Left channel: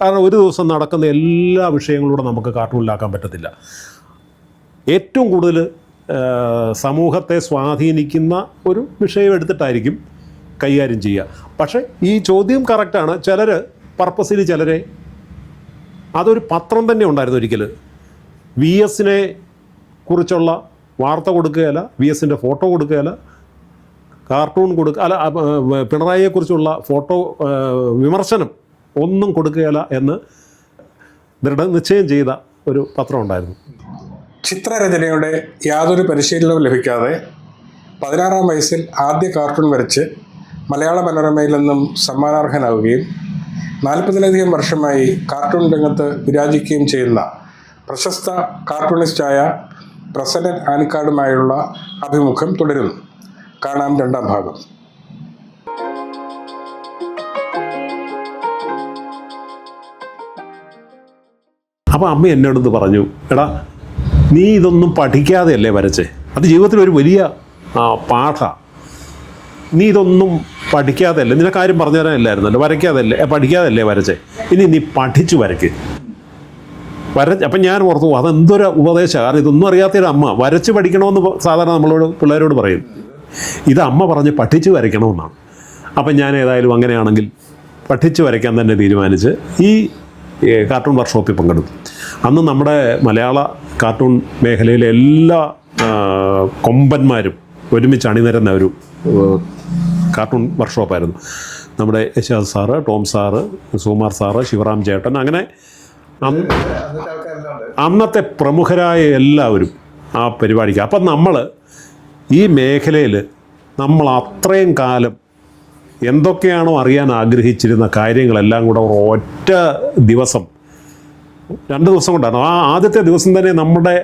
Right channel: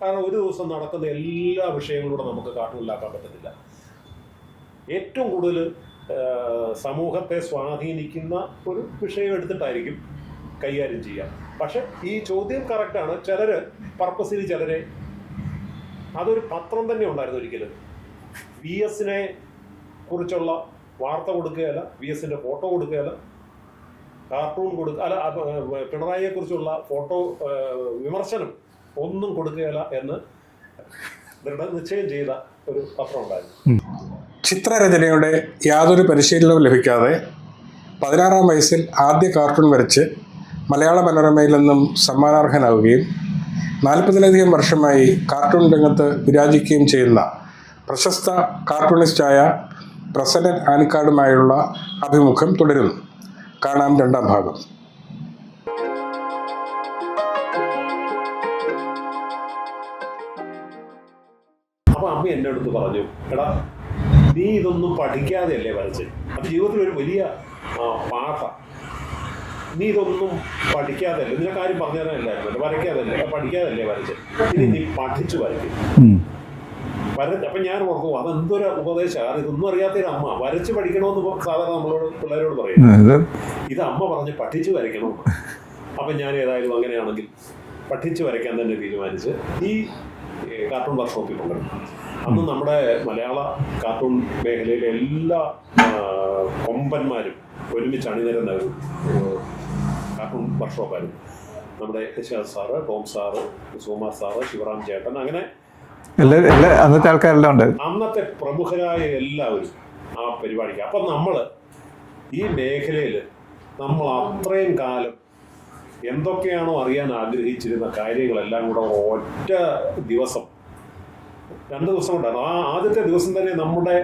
കാരണം ഒരു ദിവസം നടക്കുന്ന എല്ലാ വിഷയങ്ങളൂടെ നമുക്ക് കാർട്ടൂണിലാക്കാൻ പറ്റത്തില്ല. ഏറ്റവും കൂടുതൽ സമൂഹത്തെ സ്വാധീനിക്കുന്ന ഒരു വിഷയം എടുത്തിട്ടായിരിക്കും കൈകാര്യം ചെയ്യുക. പക്ഷേ ഈ ചോദ്യം കറക്റ്റാണ്. ചിലർ പർപ്പസിൽ ചിലരെ അതൊരു പത്രം തന്നെ ഉണ്ടായിരുന്നു ഒരിക്കൽ VS കുറിച്ചുള്ള വാർത്ത കൊടുക്കുകയല്ല, VS ഫോട്ടോ കൊടുക്കുകയല്ല, കാർട്ടൂൺ കൊടുക്കുക അല്ല, പിണറായിയെക്കുറിച്ചുള്ള ഫോട്ടോ വിമർശനം ഒന്നും കൊടുക്കുകയല്ല എന്ന് ദൃഢനിശ്ചയം ചെയ്ത ഒരു പത്രം ഉണ്ടായിരുന്നു. ചിത്രരചനയുടെ യാതൊരു പരിശീലനവും ലഭിക്കാതെ 16-ാം വയസ്സിൽ ആദ്യ കാർട്ടൂൺ വരച്ച് മലയാള മനോരമയിൽ നിന്നും സമ്മാനാർഹനാവുകയും 40-ലധികം വർഷമായി കാർട്ടൂൺ രംഗത്ത് വിരാജിക്കുകയും ചെയ്യുന്ന പ്രശസ്ത കാർട്ടൂണിസ്റ്റായ പ്രസന്നൻ ആനിക്കാടുമായുള്ള അഭിമുഖം തുടരുന്നു. കാണാം 2ാം ഭാഗം. അപ്പോൾ അമ്മ എന്നോടൊന്ന് പറഞ്ഞു, എടാ നീ ഇതൊന്നും പഠിക്കാതെയല്ലേ വരച്ചേ, അത് ജീവിതത്തിലൊരു വലിയ പാഠ. നീ ഇതൊന്നും പഠിക്കാതെയല്ലേ, നിനക്കാരും പറഞ്ഞു തരാനില്ലായിരുന്നല്ലോ, പഠിക്കാതെയല്ലേ വരച്ചേ, ഇനി നീ പഠിച്ചു വരയ്ക്ക്. അപ്പം ഞാൻ ഓർത്തു അതെന്തൊരു ഉപദേശമാണ്. കാരണം ഇതൊന്നും അറിയാത്തൊരു അമ്മ വരച്ച് പഠിക്കണമെന്ന് സാധാരണ നമ്മളോട് പിള്ളേരോട് പറയും. ഇത് അമ്മ പറഞ്ഞ് പഠിച്ചു വരയ്ക്കണമെന്നാണ്. അപ്പം ഞാൻ ഏതായാലും അങ്ങനെയാണെങ്കിൽ പഠിച്ചു വരയ്ക്കാൻ തന്നെ തീരുമാനിച്ച് ഈ കാർട്ടൂൺ വർക്ക്ഷോപ്പിൽ പങ്കെടുത്തു. അന്ന് നമ്മുടെ മലയാള കാർട്ടൂൺ മേഖലയിലെ എല്ലാ കൊമ്പന്മാരും ഒരുമിച്ച് അണിനിരന്ന ഒരു കാർട്ടൂൺ വർക്ക്ഷോപ്പായിരുന്നു. നമ്മുടെ Yashad sir, Tom sir, Sukumar sir, Shivaram ചേട്ടൻ, അങ്ങനെ അന്നത്തെ ആൾക്കാരെല്ലാം ഉണ്ട്. അന്നത്തെ പ്രമുഖരായ എല്ലാവരും ആ പരിപാടിക്ക്. അപ്പം നമ്മൾ ഈ മേഖലയിൽ നമ്മൾ അത്രയും കാലം എന്തൊക്കെയാണോ അറിയാൻ ആഗ്രഹിച്ചിരുന്ന കാര്യങ്ങളെല്ലാം കൂടെ ഒറ്റ ദിവസം 2 ദിവസം കൊണ്ടാണ്. ആ ആദ്യത്തെ ദിവസം തന്നെ നമ്മുടെ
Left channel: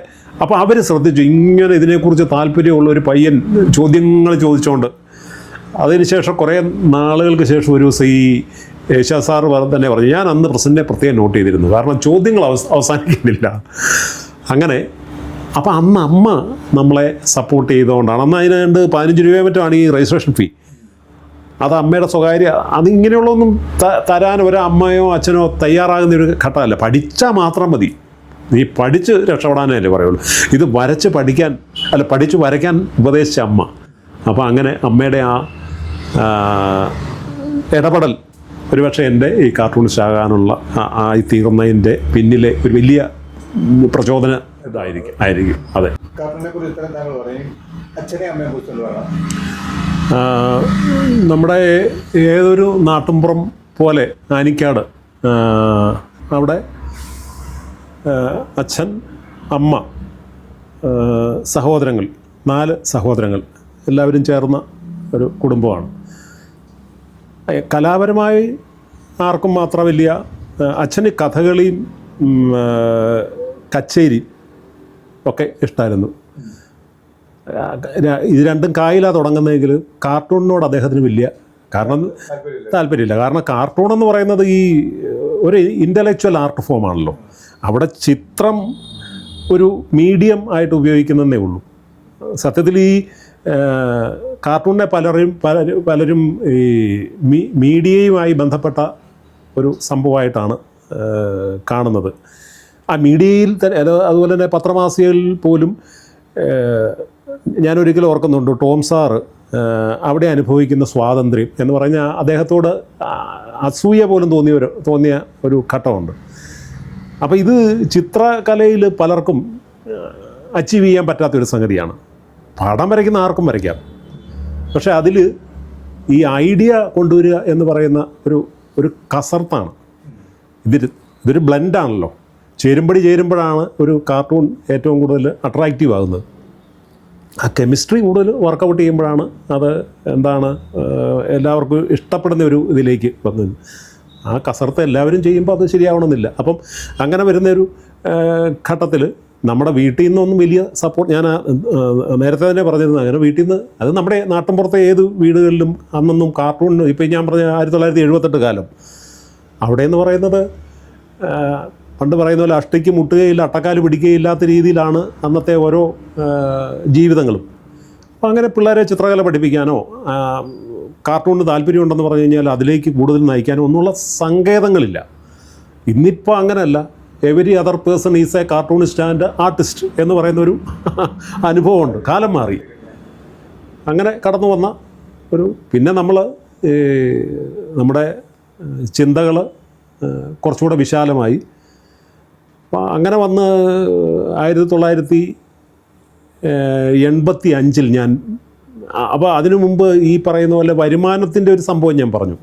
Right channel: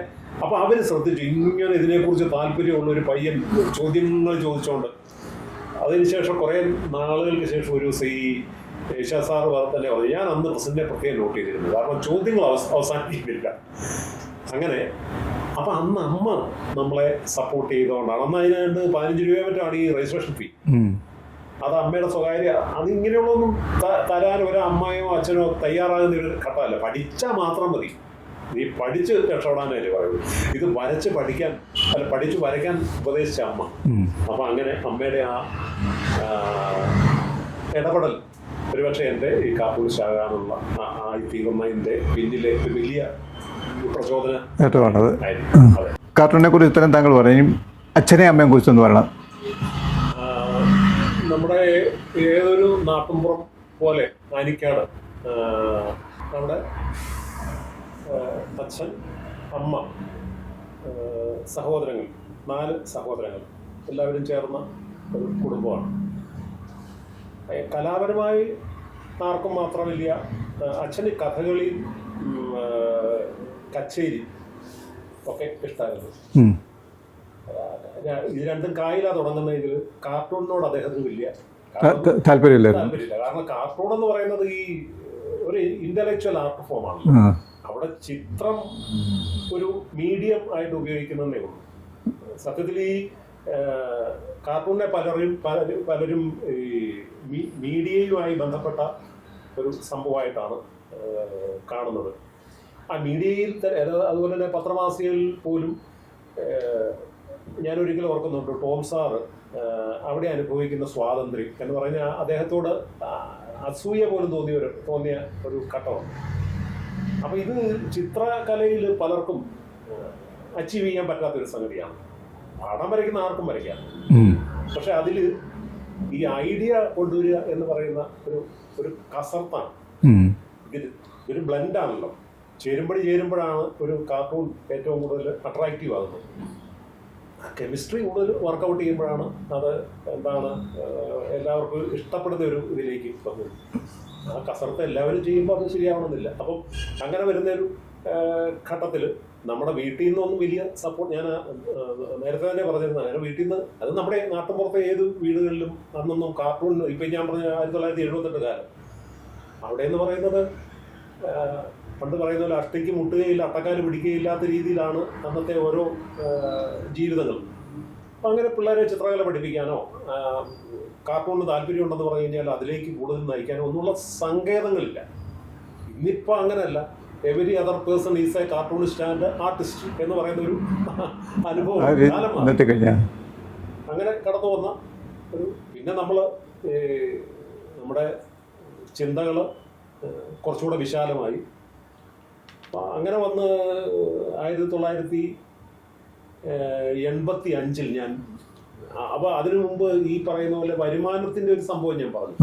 അപ്പോൾ അവർ ശ്രദ്ധിച്ചു ഇങ്ങനെ ഇതിനെക്കുറിച്ച് താല്പര്യമുള്ള ഒരു പയ്യൻ ചോദ്യങ്ങൾ ചോദിച്ചുകൊണ്ട്. അതിനുശേഷം കുറേ നാളുകൾക്ക് ശേഷം ഒരു ദിവസം ഈ യേശാ സാർ തന്നെ പറഞ്ഞു, ഞാൻ അന്ന് പ്രസന്റിനെ പ്രത്യേകം നോട്ട് ചെയ്തിരുന്നു, കാരണം ചോദ്യങ്ങൾ അവസാനിക്കുന്നില്ല. അങ്ങനെ അപ്പോൾ അന്ന് അമ്മ നമ്മളെ സപ്പോർട്ട് ചെയ്തുകൊണ്ടാണ്. അന്ന് അതിനുണ്ട് 15 രൂപയെ മറ്റാണ് ഈ രജിസ്ട്രേഷൻ ഫീ. അത് അമ്മയുടെ സ്വകാര്യ, അതിങ്ങനെയുള്ളതൊന്നും തരാൻ ഒരമ്മയോ അച്ഛനോ തയ്യാറാകുന്ന ഒരു ഘട്ടമല്ല. പഠിച്ചാൽ മാത്രം മതി, നീ പഠിച്ച് രക്ഷപ്പെടാനേ അല്ലേ പറയുള്ളൂ. ഇത് വരച്ച് പഠിക്കാൻ അല്ല, പഠിച്ച് വരയ്ക്കാൻ ഉപദേശിച്ച അമ്മ. അപ്പോൾ അങ്ങനെ അമ്മയുടെ ആ ഇടപെടൽ ഒരുപക്ഷെ എൻ്റെ ഈ കാർട്ടൂണിസ്റ്റ് ആകാനുള്ള തീർന്നതിൻ്റെ പിന്നിലെ ഒരു വലിയ പ്രചോദനം ആയിരിക്കും. അതെ. കാർട്ടൂണിനെ കുറിച്ച് ഇത്രയും താങ്കൾ പറയും, അച്ഛനെയും അമ്മയെ കുറിച്ചൊന്ന് പറയണം. നമ്മുടെ ഏതൊരു നാട്ടുംപുറം പോലെ ആനിക്കാട്, അവിടെ അച്ഛൻ, അമ്മ, സഹോദരങ്ങൾ, 4 സഹോദരങ്ങൾ എല്ലാവരും ചേർന്ന ഒരു കുടുംബമാണ്. കലാപരമായി ആർക്കും മാത്രം വലിയ, അച്ഛന് കഥകളിയും കച്ചേരി ഒക്കെ ഇഷ്ടമായിരുന്നു. ഇത് രണ്ടും കായിലാ തുടങ്ങുന്നതെങ്കിൽ കാർട്ടൂണിനോട് അദ്ദേഹത്തിന് വലിയ താല്പര്യമില്ല. കാരണം കാർട്ടൂൺ എന്ന് പറയുന്നത് ഈ ഒരു ഇൻ്റലക്ച്വൽ ആർട്ട് ഫോമാണല്ലോ. അവിടെ ചിത്രം ഒരു മീഡിയം ആയിട്ട് ഉപയോഗിക്കുന്നതേ ഉള്ളൂ. സത്യത്തിൽ ഈ കാർട്ടൂണിനെ പലരും ഈ മീഡിയയുമായി ബന്ധപ്പെട്ട ഒരു സംഭവമായിട്ടാണ് കാണുന്നത്. ആ മീഡിയയിൽ തന്നെ അതുപോലെ തന്നെ പത്രമാസികകളിൽ പോലും ഞാനൊരിക്കലും ഓർക്കുന്നുണ്ട്, ടോം സാറ് അവിടെ അനുഭവിക്കുന്ന സ്വാതന്ത്ര്യം എന്ന് പറഞ്ഞാൽ അദ്ദേഹത്തോട് അസൂയ പോലും തോന്നിയ ഒരു ഘട്ടമുണ്ട്. അപ്പോൾ ഇത് ചിത്രകലയിൽ പലർക്കും അച്ചീവ് ചെയ്യാൻ പറ്റാത്തൊരു സംഗതിയാണ്. പടം വരയ്ക്കുന്ന ആർക്കും വരയ്ക്കാം, പക്ഷെ അതിൽ ഈ ഐഡിയ കൊണ്ടുവരിക എന്ന് പറയുന്ന ഒരു കസർത്താണ്. ഇതൊരു ബ്ലെൻഡാണല്ലോ. ചേരുമ്പോഴാണ് ഒരു കാർട്ടൂൺ ഏറ്റവും കൂടുതൽ അട്രാക്റ്റീവ് ആകുന്നത്. ആ കെമിസ്ട്രി കൂടുതൽ വർക്കൗട്ട് ചെയ്യുമ്പോഴാണ് അത് എന്താണ് എല്ലാവർക്കും ഇഷ്ടപ്പെടുന്ന ഒരു ഇതിലേക്ക് വന്നത്. ആ കസർത്ത് എല്ലാവരും ചെയ്യുമ്പോൾ അത് ശരിയാവണമെന്നില്ല. അപ്പം അങ്ങനെ വരുന്നൊരു ഘട്ടത്തിൽ നമ്മുടെ വീട്ടിൽ നിന്നൊന്നും വലിയ സപ്പോർട്ട്, ഞാൻ നേരത്തെ തന്നെ പറഞ്ഞിരുന്നു, അങ്ങനെ വീട്ടിൽ നിന്ന്, അത് നമ്മുടെ നാട്ടിൻപുറത്തെ ഏത് വീടുകളിലും അന്നൊന്നും കാർട്ടൂണിന്, ഇപ്പം ഞാൻ പറഞ്ഞ 1978 കാലം, അവിടെ എന്ന് പറയുന്നത് പണ്ട് പറയുന്ന പോലെ അഷ്ടിക്ക് മുട്ടുകയില്ല, അട്ടക്കാല് പിടിക്കുകയില്ലാത്ത രീതിയിലാണ് അന്നത്തെ ഓരോ ജീവിതങ്ങളും. അപ്പം അങ്ങനെ പിള്ളേരെ ചിത്രകല പഠിപ്പിക്കാനോ കാർട്ടൂണിന് താല്പര്യമുണ്ടെന്ന് പറഞ്ഞു കഴിഞ്ഞാൽ അതിലേക്ക് കൂടുതൽ നയിക്കാനോ ഒന്നുമുള്ള സങ്കേതങ്ങളില്ല. ഇന്നിപ്പോൾ അങ്ങനെയല്ല. Every other person is A cartoonist and artist എന്ന് പറയുന്നൊരു അനുഭവമാണ്. കാലം മാറി അങ്ങനെ കടന്നു വന്ന ഒരു. പിന്നെ നമ്മൾ നമ്മുടെ ചിന്തകൾ കുറച്ചുകൂടെ വിശാലമായി. അപ്പം അങ്ങനെ വന്ന് 1985 ഞാൻ, അപ്പോൾ അതിനു മുമ്പ് ഈ പറയുന്ന പോലെ വരുമാനത്തിൻ്റെ ഒരു സംഭവം ഞാൻ പറഞ്ഞു.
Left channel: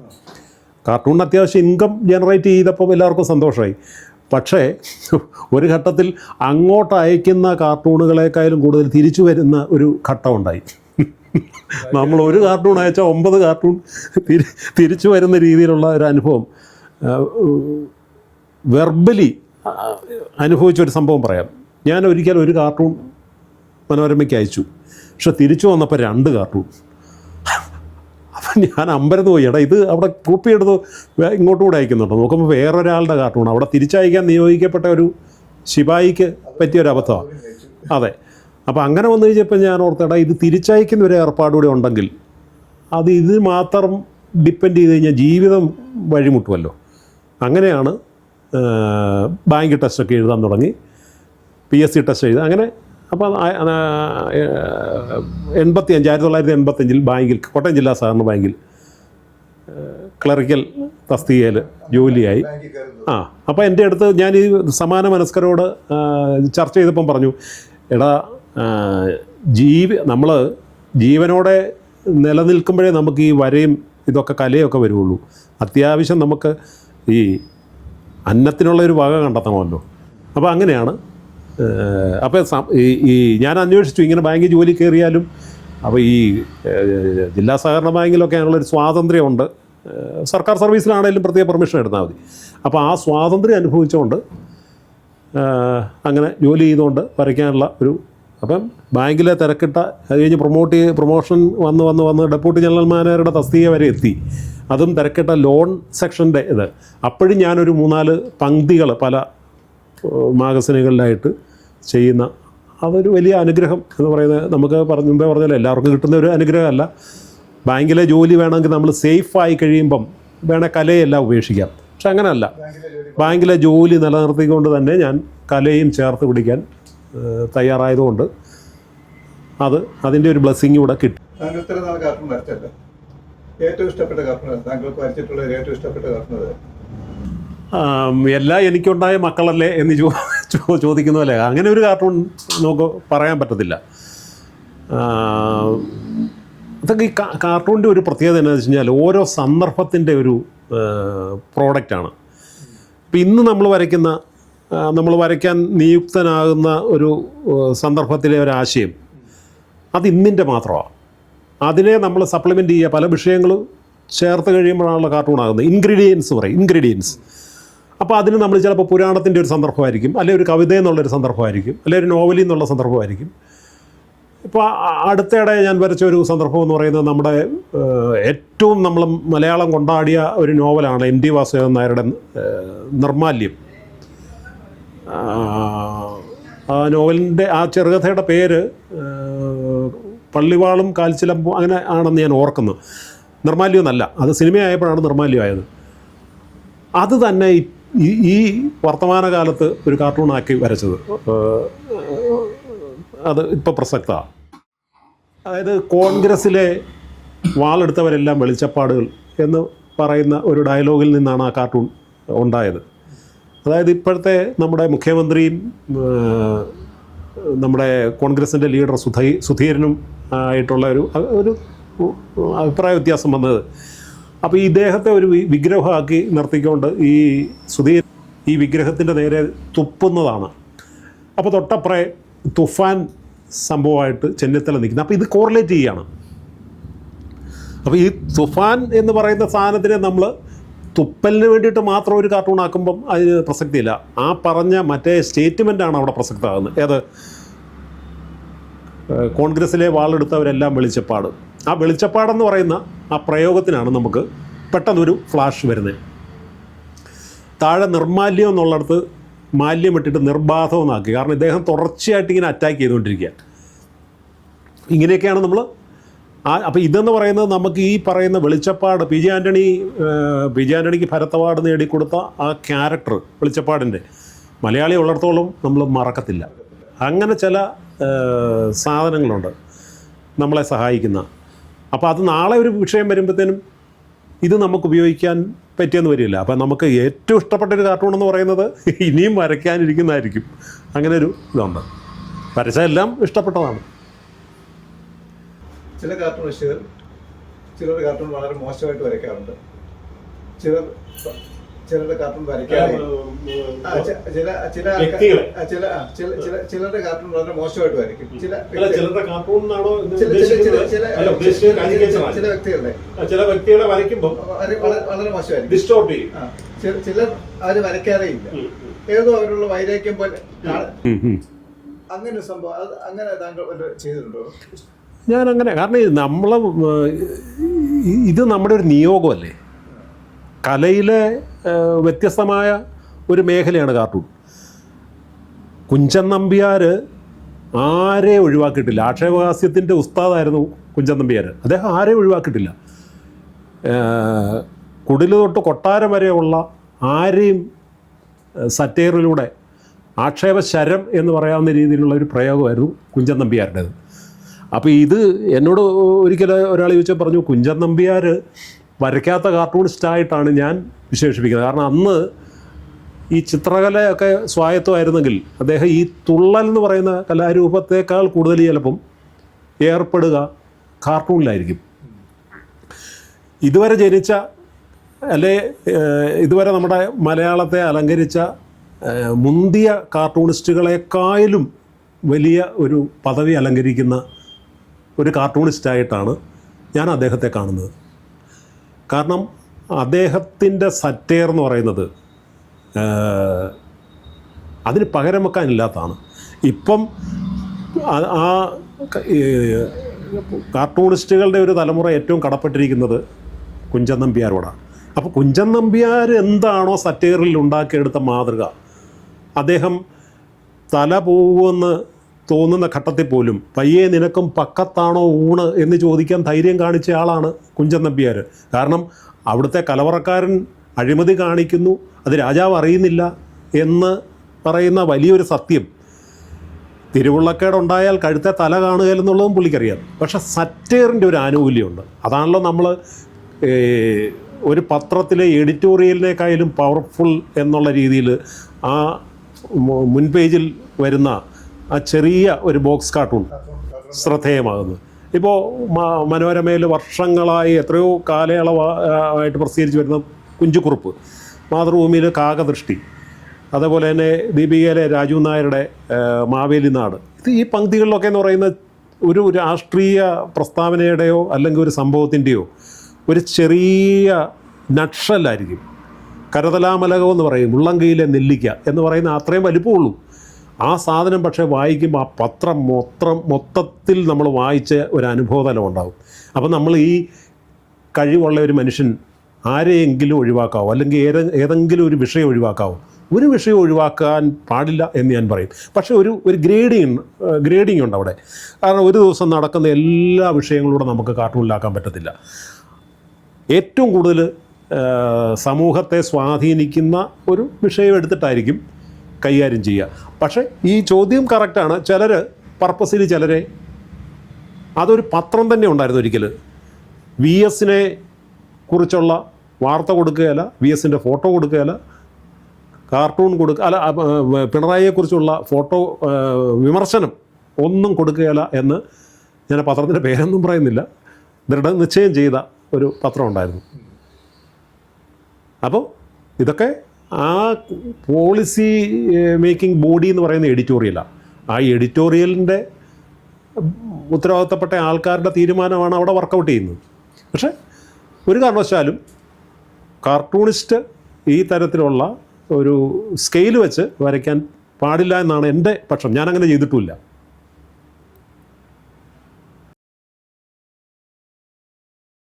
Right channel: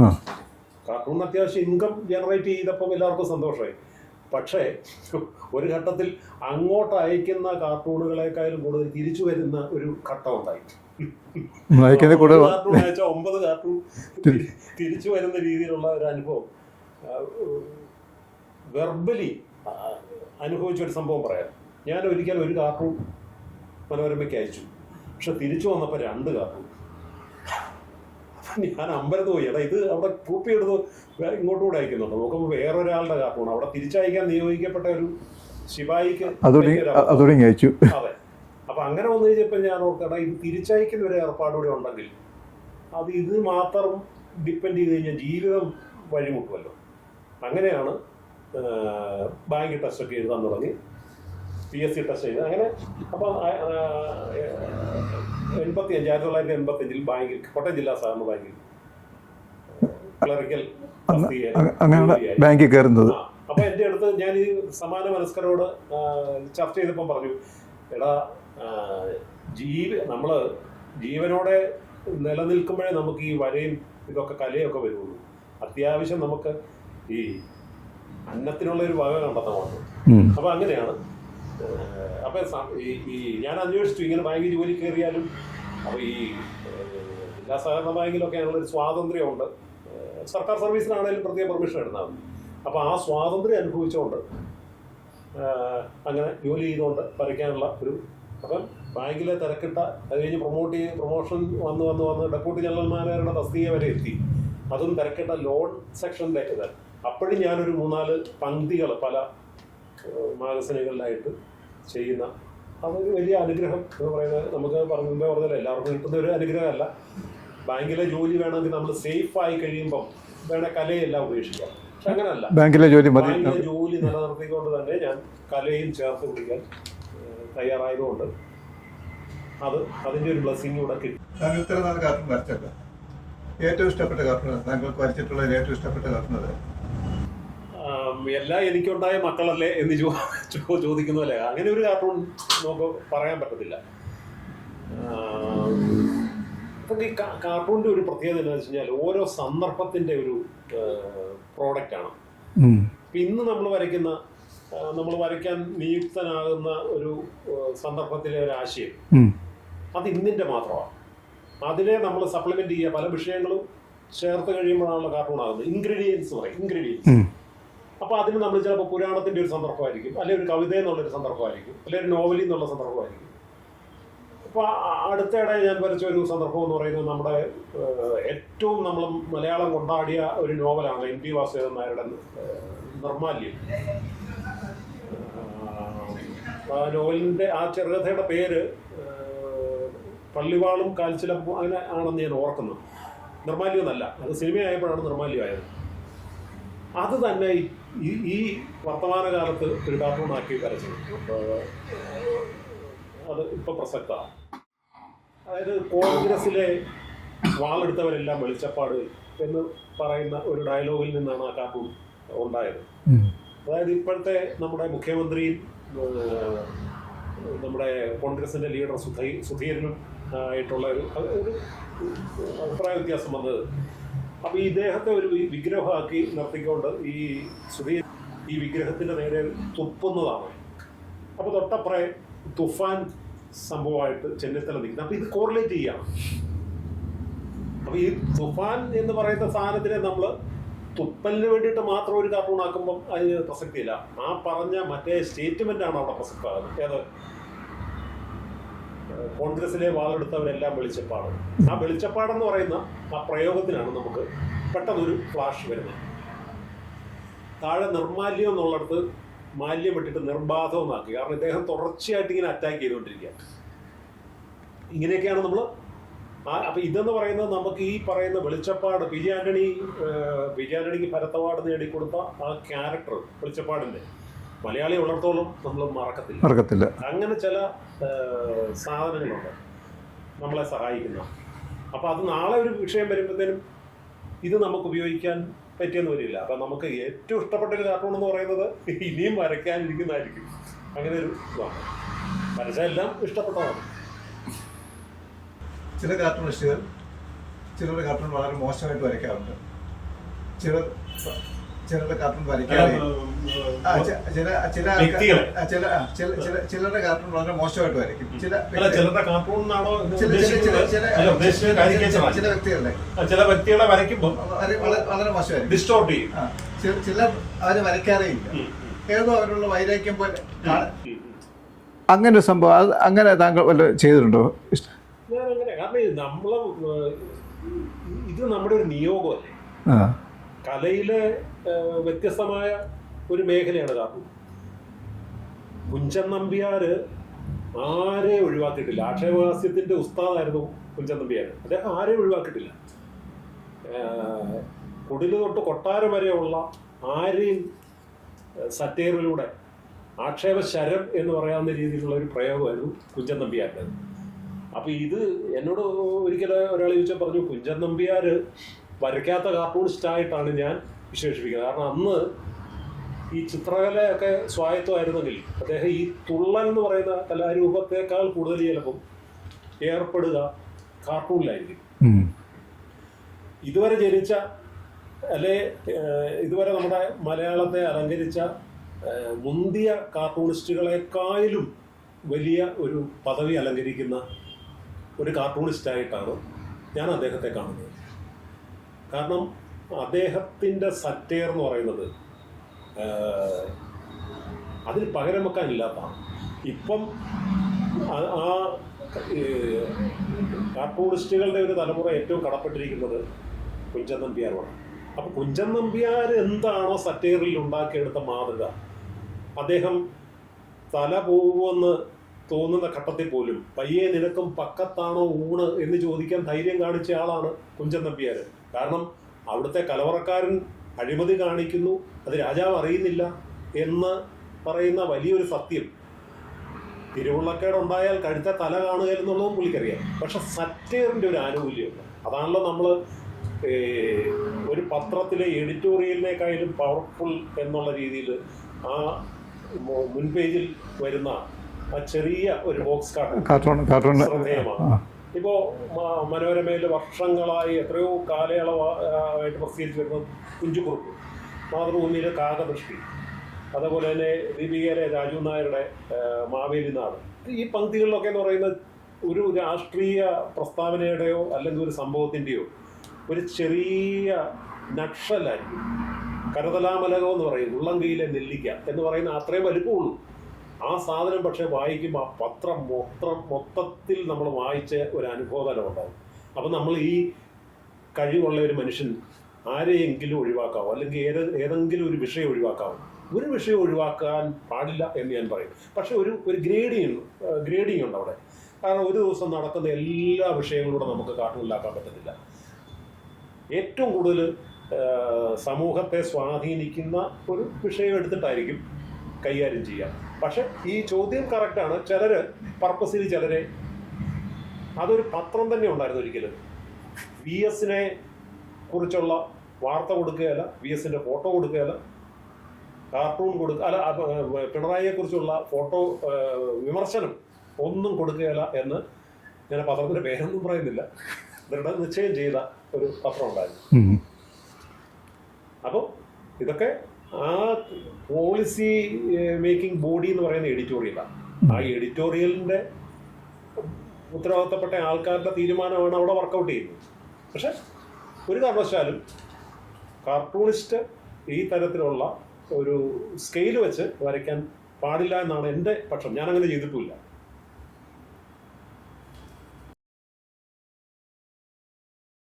കാർട്ടൂണിന് അത്യാവശ്യം ഇൻകം ജനറേറ്റ് ചെയ്തപ്പോൾ എല്ലാവർക്കും സന്തോഷമായി. പക്ഷേ ഒരു ഘട്ടത്തിൽ അങ്ങോട്ട് അയക്കുന്ന കാർട്ടൂണുകളെക്കാളും കൂടുതൽ തിരിച്ചു വരുന്ന ഒരു ഘട്ടമുണ്ടായി. നമ്മൾ ഒരു കാർട്ടൂൺ അയച്ചാൽ 9 കാർട്ടൂൺ തിരിച്ചു വരുന്ന രീതിയിലുള്ള ഒരു അനുഭവം വെർബലി അനുഭവിച്ചൊരു സംഭവം പറയാം. ഞാൻ ഒരിക്കലും ഒരു കാർട്ടൂൺ മനോരമയ്ക്ക് അയച്ചു, പക്ഷെ തിരിച്ചു വന്നപ്പോൾ 2 കാർട്ടൂൺ. അപ്പം ഞാൻ അമ്പരന്ന് പോയി, ഇത് അവിടെ കോപ്പി എടുത്ത് ഇങ്ങോട്ടും കൂടെ അയക്കുന്നുണ്ടോ, നോക്കുമ്പോൾ വേറൊരാളുടെ കാർട്ടൂൺ. അവിടെ തിരിച്ചയക്കാൻ നിയോഗിക്കപ്പെട്ട ഒരു ശിപായിക്ക് പറ്റിയൊരു അബദ്ധം. അതെ. അപ്പോൾ അങ്ങനെ വന്നു കഴിഞ്ഞപ്പോൾ ഞാൻ ഓർത്തേടാ, ഇത് തിരിച്ചയക്കുന്ന ഒരു ഏർപ്പാടുകൂടെ ഉണ്ടെങ്കിൽ അത് ഇത് മാത്രം ഡിപ്പെൻഡ് ചെയ്ത് കഴിഞ്ഞാൽ ജീവിതം വഴിമുട്ടുമല്ലോ. അങ്ങനെയാണ് ബാങ്ക് ടെസ്റ്റൊക്കെ എഴുതാൻ തുടങ്ങി, PSC ടെസ്റ്റ് എഴുതാൻ. അങ്ങനെ അപ്പം 1985 ബാങ്കിൽ, കോട്ടയം ജില്ലാ സഹകരണ ബാങ്കിൽ ക്ലറിക്കൽ തസ്തികയിൽ ജോലിയായി. ബാങ്കിൽ കയറുന്നത്. അപ്പോൾ എൻ്റെ അടുത്ത് ഞാൻ ഈ സമാന മനസ്കരോട് ചർച്ച ചെയ്തപ്പം പറഞ്ഞു, എടാ നമ്മൾ ജീവനോടെ നിലനിൽക്കുമ്പോഴേ നമുക്ക് ഈ വരയും ഇതൊക്കെ കലയൊക്കെ വരുള്ളൂ. അത്യാവശ്യം നമുക്ക് ഈ അന്നത്തിനുള്ളൊരു വക കണ്ടെത്തണമല്ലോ. അപ്പോൾ അങ്ങനെയാണ്. അപ്പോൾ ഈ ഞാൻ അന്വേഷിച്ചു ഇങ്ങനെ ബാങ്കിൽ ജോലി കയറിയാലും. അപ്പോൾ ഈ ജില്ലാ സഹകരണ ബാങ്കിലൊക്കെ അതിനുള്ളൊരു സ്വാതന്ത്ര്യമുണ്ട്. സർക്കാർ സർവീസിലാണെങ്കിലും പ്രത്യേക പെർമിഷൻ എടുത്താൽ മതി. അപ്പോൾ ആ സ്വാതന്ത്ര്യം അനുഭവിച്ചുകൊണ്ട് അങ്ങനെ ജോലി ചെയ്തുകൊണ്ട് വരയ്ക്കാനുള്ള ഒരു. അപ്പം ബാങ്കിലെ തിരക്കിട്ട അത് കഴിഞ്ഞ് പ്രൊമോഷൻ വന്ന് ഡെപ്യൂട്ടി ജനറൽ മാനേജറുടെ തസ്തിക വരെ എത്തി. അതും തിരക്കിട്ട ലോൺ സെക്ഷൻ്റെ ഇത്. അപ്പോഴും ഞാനൊരു 3-4 പങ്ക്തികൾ പല മാഗസിനുകളിലായിട്ട് ചെയ്യുന്ന അതൊരു വലിയ അനുഗ്രഹം എന്ന് പറയുന്നത്. നമുക്ക് മുമ്പേ പറഞ്ഞാൽ എല്ലാവർക്കും കിട്ടുന്ന ഒരു അനുഗ്രഹമല്ല. ബാങ്കിലെ ജോലി വേണമെങ്കിൽ നമ്മൾ സേഫായി കഴിയുമ്പം വേണേൽ കലയെല്ലാം ഉപേക്ഷിക്കാം. പക്ഷെ അങ്ങനെയല്ല. ബാങ്കിലെ ജോലി നിലനിർത്തിക്കൊണ്ട് തന്നെ ഞാൻ കലയും ചേർത്ത് പിടിക്കാൻ തയ്യാറായതുകൊണ്ട് അതിൻ്റെ ഒരു ബ്ലെസ്സിങ് കൂടെ കിട്ടും. എല്ലാം എനിക്കുണ്ടായ മക്കളല്ലേ എന്ന് ചോദിക്കുന്നതല്ലേ. അങ്ങനെ ഒരു കാർട്ടൂൺ നമുക്ക് പറയാൻ പറ്റത്തില്ല. അതൊക്കെ ഈ കാർട്ടൂണിൻ്റെ ഒരു പ്രത്യേകത എന്താണെന്ന് വെച്ച് കഴിഞ്ഞാൽ ഓരോ സന്ദർഭത്തിൻ്റെ ഒരു പ്രോഡക്റ്റാണ്. ഇപ്പം ഇന്ന് നമ്മൾ വരയ്ക്കാൻ നിയുക്തനാകുന്ന ഒരു സന്ദർഭത്തിലെ ഒരാശയം അത് ഇന്നിൻ്റെ മാത്രമാണ്. അതിനെ നമ്മൾ സപ്ലിമെൻ്റ് ചെയ്യുക, പല വിഷയങ്ങളും ചേർത്ത് കഴിയുമ്പോഴാണല്ലോ കാർട്ടൂണാകുന്നത്. ഇൻഗ്രീഡിയൻസ്. അപ്പോൾ അതിന് നമ്മൾ ചിലപ്പോൾ പുരാണത്തിൻ്റെ ഒരു സന്ദർഭമായിരിക്കും, അല്ലെങ്കിൽ ഒരു കവിത എന്നുള്ളൊരു സന്ദർഭമായിരിക്കും, അല്ലെങ്കിൽ ഒരു നോവലിൽ നിന്നുള്ള സന്ദർഭമായിരിക്കും. ഇപ്പോൾ അടുത്തിടെ ഞാൻ വരച്ച ഒരു സന്ദർഭം എന്ന് പറയുന്നത് നമ്മുടെ ഏറ്റവും നമ്മൾ മലയാളം കൊണ്ടാടിയ ഒരു നോവലാണ് MT വാസുദേവൻ നായരുടെ നിർമാല്യം. ആ നോവലിൻ്റെ ആ ചെറുകഥയുടെ പേര് പള്ളിവാളും കാൽച്ചിലമ്പും അങ്ങനെ ആണെന്ന് ഞാൻ ഓർക്കുന്നു. നിർമാല്യം എന്നല്ല, അത് സിനിമയായപ്പോഴാണ് നിർമാല്യമായത്. അത് തന്നെ ഈ വർത്തമാനകാലത്ത് ഒരു കാർട്ടൂണാക്കി വരച്ചത് അത് ഇപ്പോൾ പ്രസക്തമാണ്. അതായത് കോൺഗ്രസ്സിലെ വാളെടുത്തവരെല്ലാം വെളിച്ചപ്പാടുകൾ എന്ന് പറയുന്ന ഒരു ഡയലോഗിൽ നിന്നാണ് ആ കാർട്ടൂൺ ഉണ്ടായത്. അതായത് ഇപ്പോഴത്തെ നമ്മുടെ മുഖ്യമന്ത്രിയും നമ്മുടെ കോൺഗ്രസിൻ്റെ ലീഡർ സുധീരനും ആയിട്ടുള്ള ഒരു അഭിപ്രായ വ്യത്യാസം വന്നത്. അപ്പോൾ ഈ ഇദ്ദേഹത്തെ ഒരു വിഗ്രഹമാക്കി നിർത്തിക്കൊണ്ട് ഈ സുധീർ ഈ വിഗ്രഹത്തിൻ്റെ നേരെ തുപ്പുന്നതാണ്. അപ്പോൾ തൊട്ടപ്പുറേ തുഫാൻ സംഭവമായിട്ട് ചെന്നിത്തല നിൽക്കുന്നത്. അപ്പോൾ ഇത് കോറിലേറ്റ് ചെയ്യുകയാണ്. അപ്പോൾ ഈ തുഫാൻ എന്ന് പറയുന്ന സാധനത്തിനെ നമ്മൾ തുപ്പലിന് വേണ്ടിയിട്ട് മാത്രം ഒരു കാർട്ടൂൺ ആക്കുമ്പം അതിന് പ്രസക്തിയില്ല. ആ പറഞ്ഞ മറ്റേ സ്റ്റേറ്റ്മെൻറ്റാണ് അവിടെ പ്രസക്തമാകുന്നത്. ഏത് കോൺഗ്രസ്സിലെ വാളെടുത്തവരെല്ലാം വെളിച്ചപ്പാട്. ആ വെളിച്ചപ്പാടെന്ന് പറയുന്ന ആ പ്രയോഗത്തിനാണ് നമുക്ക് പെട്ടെന്നൊരു ഫ്ലാഷ് വരുന്നത്. താഴെ നിർമാല്യം എന്നുള്ളിടത്ത് മാല്യം ഇട്ടിട്ട് നിർബാധം എന്നാക്കി. കാരണം ഇദ്ദേഹം തുടർച്ചയായിട്ട് ഇങ്ങനെ അറ്റാക്ക് ചെയ്തുകൊണ്ടിരിക്കുക. ഇങ്ങനെയൊക്കെയാണ് നമ്മൾ അപ്പോൾ ഇതെന്ന് പറയുന്നത് നമുക്ക് ഈ പറയുന്ന വെളിച്ചപ്പാട് പി ജെ ആൻ്റണിക്ക് ഭരത് അവാർഡ് നേടിക്കൊടുത്ത ആ ക്യാരക്ടർ വെളിച്ചപ്പാടിൻ്റെ മലയാളി ഉള്ളിടത്തോളം നമ്മൾ മറക്കത്തില്ല. അങ്ങനെ ചില സാധനങ്ങളുണ്ട് നമ്മളെ സഹായിക്കുന്ന. അപ്പോൾ അത് നാളെ ഒരു വിഷയം വരുമ്പോഴത്തേനും ഇത് നമുക്ക് ഉപയോഗിക്കാൻ പറ്റിയെന്ന് വരില്ല. അപ്പം നമുക്ക് ഏറ്റവും ഇഷ്ടപ്പെട്ടൊരു കാർട്ടൂൺ എന്ന് പറയുന്നത് ഇനിയും വരയ്ക്കാനിരിക്കുന്നതായിരിക്കും. അങ്ങനെ ഒരു ഇതുണ്ട്. വരച്ച എല്ലാം ഇഷ്ടപ്പെട്ടതാണ്. ചില കാർട്ടൂണിസ്റ്റുകൾ ചിലരുടെ കാർട്ടൂൺ വളരെ മോശമായിട്ട് വരയ്ക്കാറുണ്ട്. ചിലരുടെ കാർട്ടൂൺ വരയ്ക്കാതെ ചിലരുടെ കാർട്ടൂൺ വളരെ മോശമായിട്ട് വരയ്ക്കും. ചില വ്യക്തികളെ വരയ്ക്കുമ്പോൾ വളരെ മോശമായിരിക്കും. ചിലർ അവര് വരയ്ക്കാതെ ഇല്ല. ഏതോ അവരുള്ള വൈരാഗ്യം പോലെ. അങ്ങനെ ഒരു സംഭവം അങ്ങനെ താങ്കൾ വല്ല ചെയ്തിട്ടുണ്ടോ? ഞാനങ്ങനെ, കാരണം ഇത് നമ്മുടെ ഒരു നിയോഗമല്ലേ. കലയിലെ വ്യത്യസ്തമായ ഒരു മേഖലയാണ് കാർട്ടൂൺ. കുഞ്ചൻ നമ്പ്യാർ ആരെ ഒഴിവാക്കിയിട്ടില്ല. ആക്ഷേപഹാസ്യത്തിൻ്റെ ഉസ്താദായിരുന്നു കുഞ്ചൻ നമ്പ്യാർ. അദ്ദേഹം ആരെയും ഒഴിവാക്കിയിട്ടില്ല. കുടിൽ തൊട്ട് കൊട്ടാരം വരെയുള്ള ആരെയും സറ്റയറിലൂടെ ആക്ഷേപശരം എന്ന് പറയാവുന്ന രീതിയിലുള്ള ഒരു പ്രയോഗമായിരുന്നു കുഞ്ചൻ നമ്പ്യാരുടേത്. അപ്പോൾ ഇത് എന്നോട് ഒരിക്കൽ ഒരാൾ ചോദിച്ചാൽ പറഞ്ഞു, കുഞ്ചൻ നമ്പ്യാർ വരയ്ക്കാത്ത കാർട്ടൂണിസ്റ്റായിട്ടാണ് ഞാൻ വിശേഷിപ്പിക്കുന്നത്. കാരണം അന്ന് ഈ ചിത്രകലയൊക്കെ സ്വായത്തമായിരുന്നെങ്കിൽ അദ്ദേഹം ഈ തുള്ളൽ എന്ന് പറയുന്ന കലാരൂപത്തേക്കാൾ കൂടുതൽ ചിലപ്പം ഏർപ്പെടുക കാർട്ടൂണിലായിരിക്കും. ഇതുവരെ ജനിച്ച ഇതുവരെ നമ്മുടെ മലയാളത്തെ അലങ്കരിച്ച മുന്തിയ കാർട്ടൂണിസ്റ്റുകളെക്കാളും വലിയ ഒരു പദവി അലങ്കരിക്കുന്ന ഒരു കാർട്ടൂണിസ്റ്റായിട്ടാണ് ഞാൻ അദ്ദേഹത്തെ കാണുന്നത്. കാരണം അദ്ദേഹത്തിൻ്റെ സറ്റയർ എന്ന് പറയുന്നത് അതിന് പകരം വെക്കാനില്ലാത്തതാണ്. ഇപ്പം ആ കാർട്ടൂണിസ്റ്റുകളുടെ ഒരു തലമുറ ഏറ്റവും കടപ്പെട്ടിരിക്കുന്നത് കുഞ്ചൻ നമ്പ്യാരോടാണ്. അപ്പോൾ കുഞ്ചൻ നമ്പ്യാർ എന്താണോ സറ്റയറിൽ ഉണ്ടാക്കിയെടുത്ത മാതൃക, അദ്ദേഹം തല പോവുമെന്ന് തോന്നുന്ന ഘട്ടത്തിൽ പോലും പയ്യെ നിനക്കും പക്കത്താണോ ഊണ് എന്ന് ചോദിക്കാൻ ധൈര്യം കാണിച്ച ആളാണ് കുഞ്ചൻ നമ്പ്യാർ. കാരണം അവിടുത്തെ കലവറക്കാരൻ അഴിമതി കാണിക്കുന്നു, അത് രാജാവ് അറിയുന്നില്ല എന്ന് പറയുന്ന വലിയൊരു സത്യം തിരുവുള്ളക്കേടുണ്ടായാൽ കഴുത്തെ തല കാണുക എന്നുള്ളതും പുള്ളിക്കറിയാം. പക്ഷെ സറ്റയറിൻ്റെ ഒരു ആനുകൂല്യമുണ്ട്. അതാണല്ലോ നമ്മൾ ഒരു പത്രത്തിലെ എഡിറ്റോറിയലിനേക്കായാലും പവർഫുൾ എന്നുള്ള രീതിയിൽ ആ മുൻ പേജിൽ വരുന്ന ആ ചെറിയ ഒരു ബോക്സ് കാർട്ടൂൺ ശ്രദ്ധേയമാകുന്നു. ഇപ്പോൾ മനോരമയിൽ വർഷങ്ങളായി എത്രയോ കാലയളവായിട്ട് പ്രസിദ്ധീകരിച്ച് വരുന്ന കുഞ്ചുകുറുപ്പ്, മാതൃഭൂമിയിൽ കാകദൃഷ്ടി, അതേപോലെ തന്നെ ദീപികയിലെ രാജു നായരുടെ മാവേലി നാട്. ഈ പങ്ക്തികളിലൊക്കെ എന്ന് പറയുന്നത് ഒരു രാഷ്ട്രീയ പ്രസ്താവനയുടെയോ അല്ലെങ്കിൽ ഒരു സംഭവത്തിൻ്റെയോ ഒരു ചെറിയ നട്ഷല്ലായിരിക്കും. കരതലാമലകം എന്ന് പറയും, ഉള്ളംകൈയിലെ നെല്ലിക്ക എന്ന് പറയുന്ന അത്രയും വലിപ്പമുള്ളൂ ആ സാധനം. പക്ഷേ വായിക്കുമ്പോൾ ആ പത്രം മൊത്തത്തിൽ നമ്മൾ വായിച്ച ഒരു അനുഭവതലം ഉണ്ടാകും. അപ്പം നമ്മൾ ഈ കഴിവുള്ള ഒരു മനുഷ്യൻ ആരെയെങ്കിലും ഒഴിവാക്കാവോ, അല്ലെങ്കിൽ ഏതെങ്കിലും ഒരു വിഷയം ഒഴിവാക്കാവോ? ഒരു വിഷയം ഒഴിവാക്കാൻ പാടില്ല എന്ന് ഞാൻ പറയും. പക്ഷേ ഒരു ഗ്രേഡിങ് ഉണ്ട് അവിടെ. കാരണം ഒരു ദിവസം നടക്കുന്ന എല്ലാ വിഷയങ്ങളൂടെ നമുക്ക് കാർട്ടൂണിലാക്കാൻ പറ്റത്തില്ല. ഏറ്റവും കൂടുതൽ സമൂഹത്തെ സ്വാധീനിക്കുന്ന ഒരു വിഷയം എടുത്തിട്ടായിരിക്കും കൈകാര്യം ചെയ്യുക. പക്ഷേ ഈ ചോദ്യം കറക്റ്റാണ്. ചിലർ പർപ്പസിൽ ചിലരെ അതൊരു പത്രം തന്നെ ഉണ്ടായിരുന്നു ഒരിക്കൽ, VS കുറിച്ചുള്ള വാർത്ത കൊടുക്കുകയല്ല, VS ഫോട്ടോ കൊടുക്കുകയല്ല, കാർട്ടൂൺ പിണറായിയെക്കുറിച്ചുള്ള ഫോട്ടോ വിമർശനം ഒന്നും കൊടുക്കുകയല്ല എന്ന് ഞാൻ പത്രത്തിൻ്റെ പേരൊന്നും പറയുന്നില്ല, ദൃഢനിശ്ചയം ചെയ്ത ഒരു പത്രം ഉണ്ടായിരുന്നു. അപ്പോൾ ഇതൊക്കെ ആ പോളിസി മേക്കിംഗ് ബോഡി എന്ന് പറയുന്ന എഡിറ്റോറിയലാണ്. ആ എഡിറ്റോറിയലിൻ്റെ ഉത്തരവാദിത്തപ്പെട്ട ആൾക്കാരുടെ തീരുമാനമാണ് അവിടെ വർക്കൗട്ട് ചെയ്യുന്നത്. പക്ഷേ ഒരു കാരണവശാലും കാർട്ടൂണിസ്റ്റ് ഈ തരത്തിലുള്ള ഒരു സ്കെയിൽ വെച്ച് വരയ്ക്കാൻ പാടില്ല എന്നാണ് എൻ്റെ പക്ഷം. ഞാനങ്ങനെ ചെയ്തിട്ടുമില്ല.